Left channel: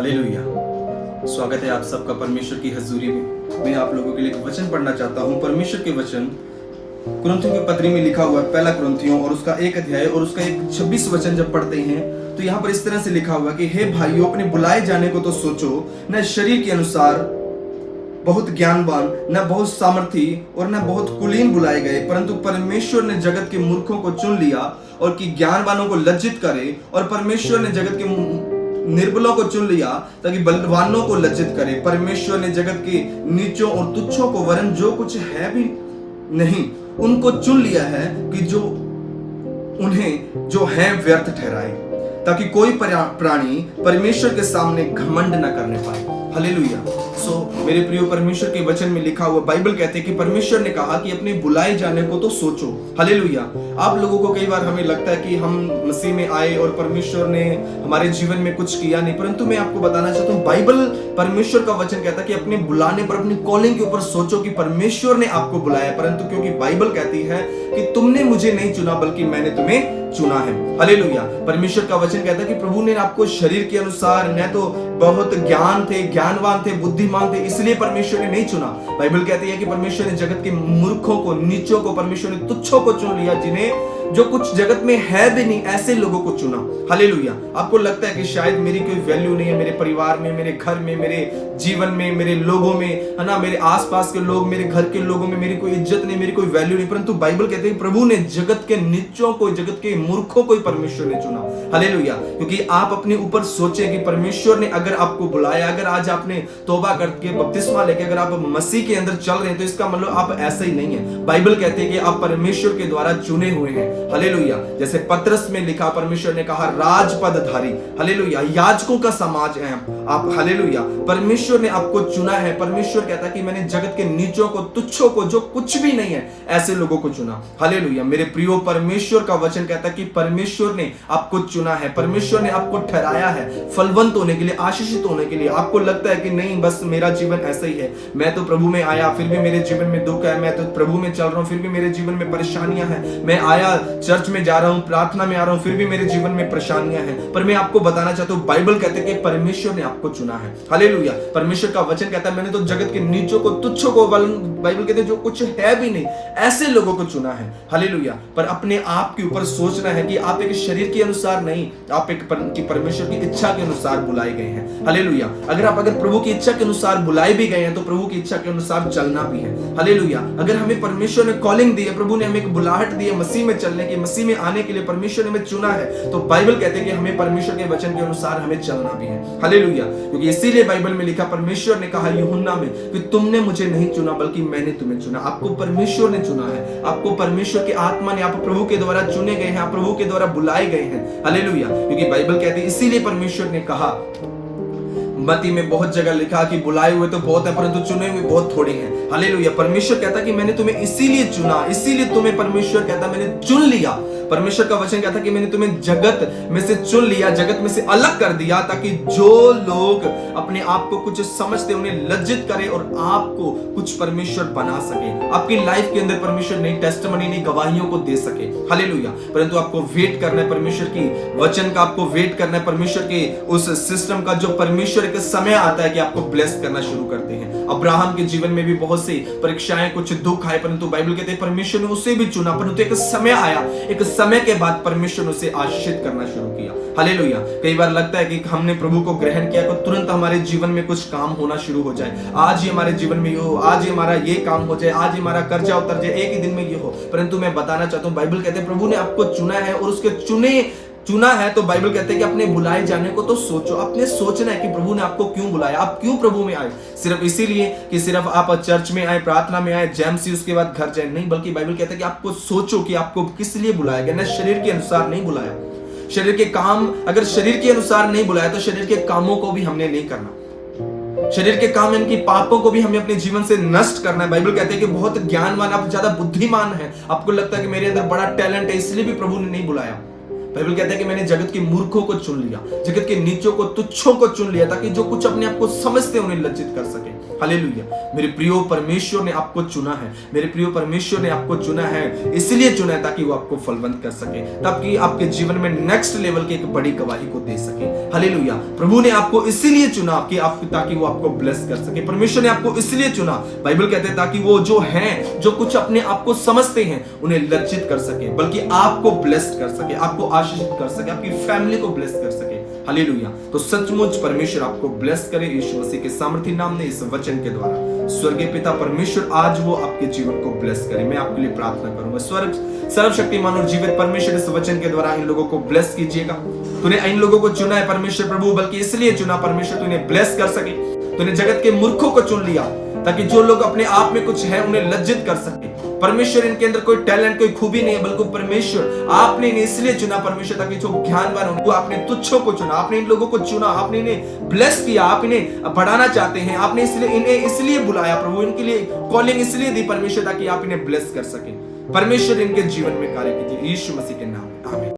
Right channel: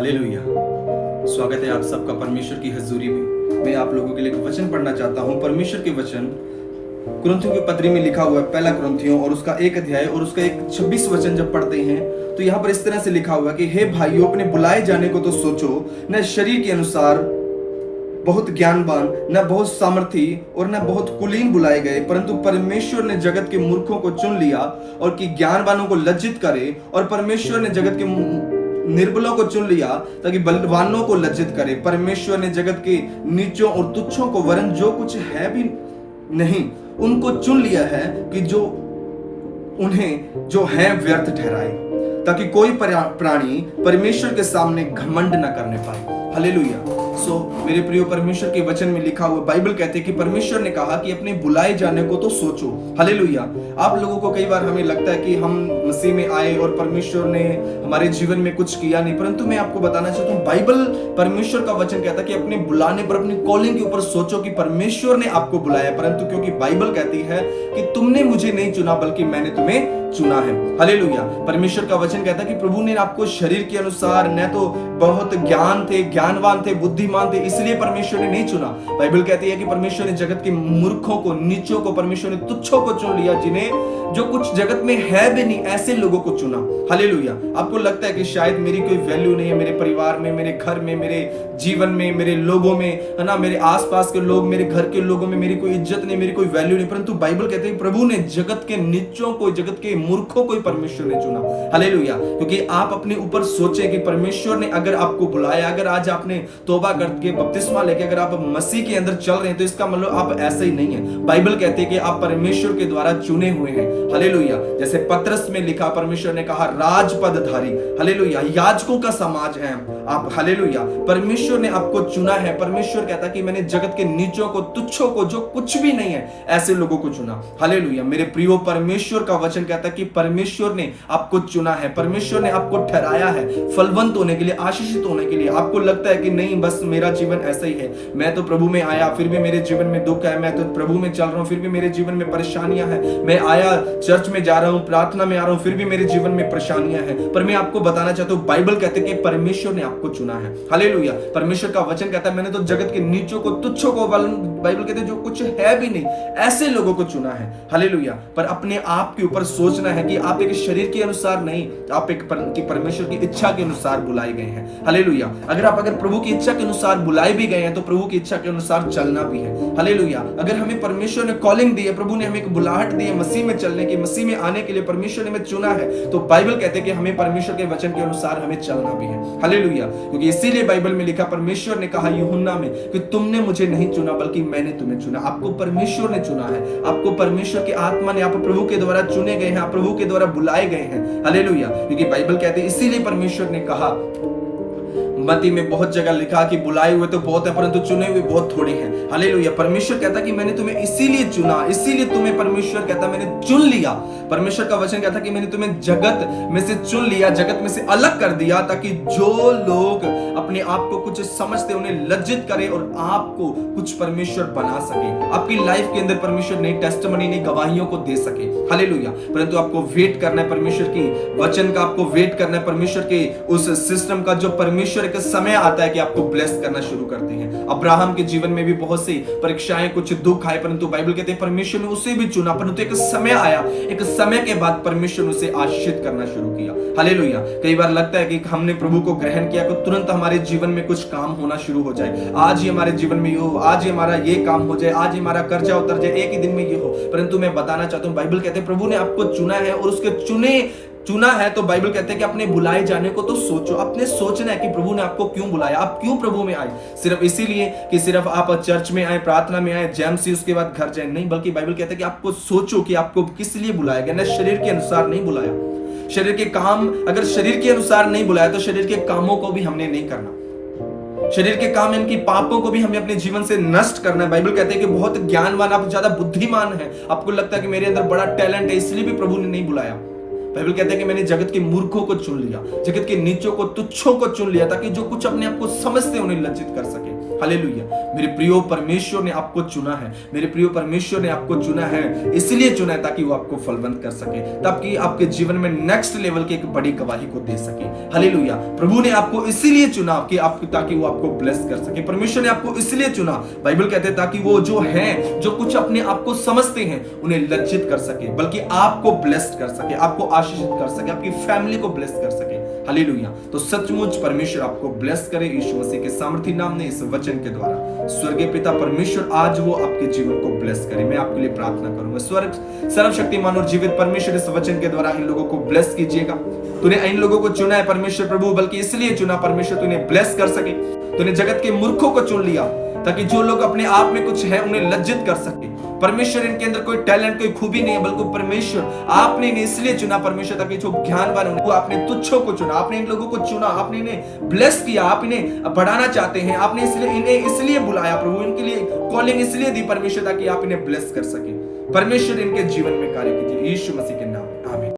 Hallelujah. स्वागत है आप सबका परमेश्वर की हजूरी में। मैं आप लोगों के लिए एक वचन पढ़ना चाहता हूं। परमेश्वर के वचन कुरिन्थियों की पत्री में लिखा हुआ है, पहला कुरिन्थियों और उसका 1 अध्याय और उसका 26 वचन जब पढ़ते हैं तो यहाँ पर इस तरह से लिखा हुआ है कि हे भाइयों, अपने बुलाए जाने को तो सोचो, न शरीर के अनुसार बहुत ज्ञानवान, न बहुत सामर्थी और न बहुत कुलीन बुलाए गए, परंतु परमेश्वर ने जगत के मूर्खों को चुन लिया और कि ज्ञानवानों को लज्जित करे, और परमेश्वर ने जगत के निर्बलों को चुन लिया ताकि बलवानों को लज्जित करे। परमेश्वर ने जगत के नीचों और तुच्छों को, वरन जो कुछ है भी नहीं, उनको चुन लिया है कि जो उन्हें जो है व्यर्थ ठहराए, ताकि कोई प्राणी परमेश्वर के सामने घमंड न करने पाए। हालेलुया। मेरे प्रिय, परमेश्वर के वचन में लिखा हुआ बाइबल कहते हैं कि परमेश्वर ने कहा कि अपने बुलाए जाने को तो सोचो। हालेलुया। आप लोगों को कई बार हमें लगता है कि हम मसीह में आए और परमेश्वर ने हमारे जीवन में कुछ किया नहीं, परंतु मैं आपको बताना चाहता हूं, बाइबल परमेश्वर का वचन कहता है कि अपने बुलाने पर, अपनी कॉलिंग के ऊपर सोचो कि परमेश्वर ने आपको बुलाया, परंतु क्योंकि बाइबल कहती है कि तुमने मुझे नहीं चुना बल्कि मैंने तुम्हें चुना है। हालेलुया। परमेश्वर का वचन कहता है कि प्रभु ने आपको शरीर के अनुसार न तो बहुत ज्ञानवान थे, बुद्धिमान थे, इसलिए परमेश्वर ने नहीं चुना। बाइबल कहती है कि परमेश्वर ने जगत के मूर्खों को, नीचों को, परमेश्वर ने तुच्छों को चुन लिया, जिन्हें जो कुछ जगत में है भी नहीं, ऐसे लोगों को चुना। हालेलुया। आपको लगता है कि शायद मेरी कोई वैल्यू नहीं है, मेरे परिवार में, मेरे घर में, मेरे जीवन में, मेरे लोगों में, है ना, मेरे आसपास के लोग, मेरे घर के लोगों में मेरी कोई इज्जत नहीं, मेरी कोई वैल्यू नहीं, परंतु बाइबल कहते हैं प्रभु ने जगत के नीचों को, जगत के मूर्खों को ही परमेश्वर ने चुना। हालेलुया। क्योंकि आप अपने ऊपर सोचे कि परमेश्वर ने अगर आपको बुलाया, अगर आज आपने तौबा करके बपतिस्मा लेके अगर आप मसीह के अंदर चल रहे हैं, तो इसका मतलब आप ऐसा ही नहीं है। बाइबल कहती है कि आप परमेश्वर के द्वारा चुने हुए हैं। हालेलुया। जैसे पत्रस में लिखा, परमेश्वर ने कहा राजपदधारी, हालेलुया, याजकों का समाज है आप। हालेलुया। परमेश्वर ने आपको चुना है। परमेश्वर कहता है कि मैंने जगत के नीचों को, तुच्छों को, जो कुछ भी नहीं है, ऐसे लोगों को चुना। हालेलुया। मेरे प्रियो, परमेश्वर का वचन कहता है कि परमेश्वर ने आपको चुना है, परमेश्वर ने आपको ठहराया है फलवंत होने के लिए, आशीषित होने के लिए। आपको लगता है कि नहीं, बस मेरा जीवन ऐसा ही है, मैं तो प्रभु में आया फिर भी मेरे जीवन में दुख है, मैं तो प्रभु में चल रहा हूं फिर भी मेरे जीवन में परेशानियां हैं, मैं आया चर्च में जा रहा हूं, प्रार्थना में आ रहा हूं, फिर भी मेरे जीवन में परेशानियां हैं। पर मैं आपको बताना चाहता हूं, बाइबल कहते हैं कि परमेश्वर ने आपको चुना है। हालेलुया। परमेश्वर का वचन कहता है मैंने तो जगत के नीचों को, तुच्छों को, बाइबल कहते हैं जो कुछ है भी नहीं, ऐसे लोगों को चुना है। हालेलुया। पर अपने आप के ऊपर सोचना है कि आप एक शरीर के अनुसार नहीं, आप एक परमेश्वर की इच्छा के अनुसार बुलाए गए हैं। हालेलुया। अगर प्रभु की इच्छा के अनुसार बुलाए भी गए हैं तो प्रभु की इच्छा के अनुसार चलना भी है। हालेलुया। अगर हमें परमेश्वर ने कॉलिंग दी है, प्रभु ने हमें एक बुलाहट दी है मसीह में चलने की, मसीह में आने के लिए परमेश्वर ने हमें चुना है, तो बाइबल कहते हैं कि हमें परमेश्वर के वचन के अनुसार हमें चलना भी है। हालेलुया। क्योंकि इसीलिए बाइबल में लिखा, परमेश्वर ने कहा यूहन्ना में कि तुमने मुझे नहीं चुना बल्कि मैंने तुम्हें चुना। आपको परमेश्वर ने चुना है, आपको परमेश्वर की आत्मा ने, आप प्रभु के द्वारा चुने गए हैं, आप प्रभु के द्वारा बुलाए गए हैं। हालेलुया। क्योंकि बाइबल कहती है, इसीलिए परमेश्वर ने कहा, मत्ती में बहुत जगह लिखा कि बुलाए हुए तो बहुत है परंतु चुने हुए बहुत थोड़े हैं। हालेलुया। परमेश्वर कहता कि मैंने तुम्हें इसीलिए चुना, इसीलिए तुम्हें परमेश्वर कहता मैंने चुन लिया। परमेश्वर का वचन कहता कि मैंने तुम्हें जगत में से चुन लिया, जगत में से अलग कर दिया, ताकि जो लोग अपने आप को कुछ समझते उन्हें लज्जित करे और आपको कुछ परमेश्वर बना सके, आपकी लाइफ के अंदर परमेश्वर नई टेस्टिमनी, नई गवाहियों को दे सके। हालेलुया। परंतु आपको वेट करना है परमेश्वर की वचन का, आपको वेट करना है परमेश्वर के उस सिस्टम का, जो परमेश्वर एक समय आता है कि आपको ब्लेस करना शुरू करते हैं। अब्राहम के जीवन में भी बहुत सी परीक्षाएं, कुछ दुख आए, परंतु बाइबल कहते हैं परमेश्वर ने उसे भी चुना, परंतु एक समय आया, एक समय के बाद परमेश्वर ने उसे आशीषित करना शुरू किया। हालेलुया। कई बार लगता है कि हमने प्रभु को ग्रहण किया तो तुरंत हमारे जीवन में कुछ काम होना शुरू हो जाए, आज ही हमारे जीवन में ये हो, आज ही हमारा ये काम हो जाए, आज ही हमारा कर्जा उतर जाए, एक ही दिन में ये हो। परंतु मैं बताना चाहता हूं, बाइबल कहते हैं प्रभु ने आपको चुना है, और उसके चुना है तो बाइबल कहते हैं कि अपने बुलाए जाने को तो सोचो। अपने सोचना है कि प्रभु ने आपको क्यों बुलाया, आप क्यों प्रभु में आए। सिर्फ इसीलिए कि सिर्फ आप चर्च में आए, प्रार्थना में आए, जैमसी, उसके बाद घर जाए, नहीं, बल्कि बाइबल कहता है कि आपको सोचो कि आपको किस लिए बुलाया गया। न शरीर के अनुसार नहीं बुलाया, शरीर के काम, अगर शरीर के अनुसार नहीं बुलाया तो शरीर के कामों को भी हमने नहीं करना, शरीर के काम इनकी पापों को भी हमें अपने जीवन से नष्ट करना है। बाइबल कहते हैं कि बहुत ज्ञानवान, आप ज्यादा बुद्धिमान है, आपको लगता है कि मेरे अंदर बड़ा टैलेंट है, इसलिए भी प्रभु ने नहीं बुलाया। बाइबल कहते हैं कि मैंने जगत के मूर्खों को चुन लिया, जगत के नीचों को, तुच्छों को चुन लिया, ताकि जो कुछ अपने आप को समझते उन्हें लज्जित कर सके। हालेलुया। मेरे प्रियो, परमेश्वर ने आपको चुना है, मेरे प्रियो, परमेश्वर ने आपको चुना है, इसलिए चुना है ताकि वो आपको फलवंत कर सके, ताकि आपके जीवन में नेक्स्ट लेवल की एक बड़ी गवाही को दे सके। हालेलुया। प्रभु ने आपको इसीलिए चुना कि आपको, ताकि वो आपको ब्लेस कर सके। परमेश्वर ने आपको इसलिए चुना, बाइबल कहते हैं, ताकि वो जो हैं, जो कुछ अपने आप को समझते हैं, उन्हें लज्जित कर सके, बल्कि आपको ब्लेस्ड कर सके, आपको आशीषित कर सके, आपकी फैमिली को ब्लेस कर सके। हालेलुया। तो सचमुच परमेश्वर आपको ब्लेस करे यीशु मसीह के सामर्थी नाम में, इस वचन के द्वारा। स्वर्गीय पिता परमेश्वर आज वो आपके जीवन को ब्लेस करे। मैं आपके लिए प्रार्थना करूंगा। स्वर्ग सर्वशक्तिमान और जीवित परमेश्वर, इस वचन के द्वारा इन लोगों को ब्लेस कीजिएगा। तूने इन लोगों को चुना है परमेश्वर प्रभु, बल्कि इसलिए चुना परमेश्वर, तूने ब्लेस कर सके। तूने जगत के मूर्खों को चुन लिया ताकि जो लोग अपने आप में कुछ है उन्हें लज्जित कर सके। परमेश्वर, इनके अंदर कोई टैलेंट, कोई खूबी नहीं है, बल्कि परमेश्वर आपने इन्हें इसलिए चुना परमेश्वर, ताकि जो ज्ञानवान उनको, आपने तुच्छों को चुना, आपने इन लोगों को चुना, आपने इन्हें ब्लेस किया, आप इन्हें बढ़ाना चाहते हैं, आपने इसलिए इन्हें इसलिए बुलाया प्रभु, इनके लिए कॉलिंग इसलिए दी परमेश्वर, ताकि आप इन्हें ब्लेस कर सके। परमेश्वर इनके जीवन में कार्य कीजिए यीशु मसीह के नाम।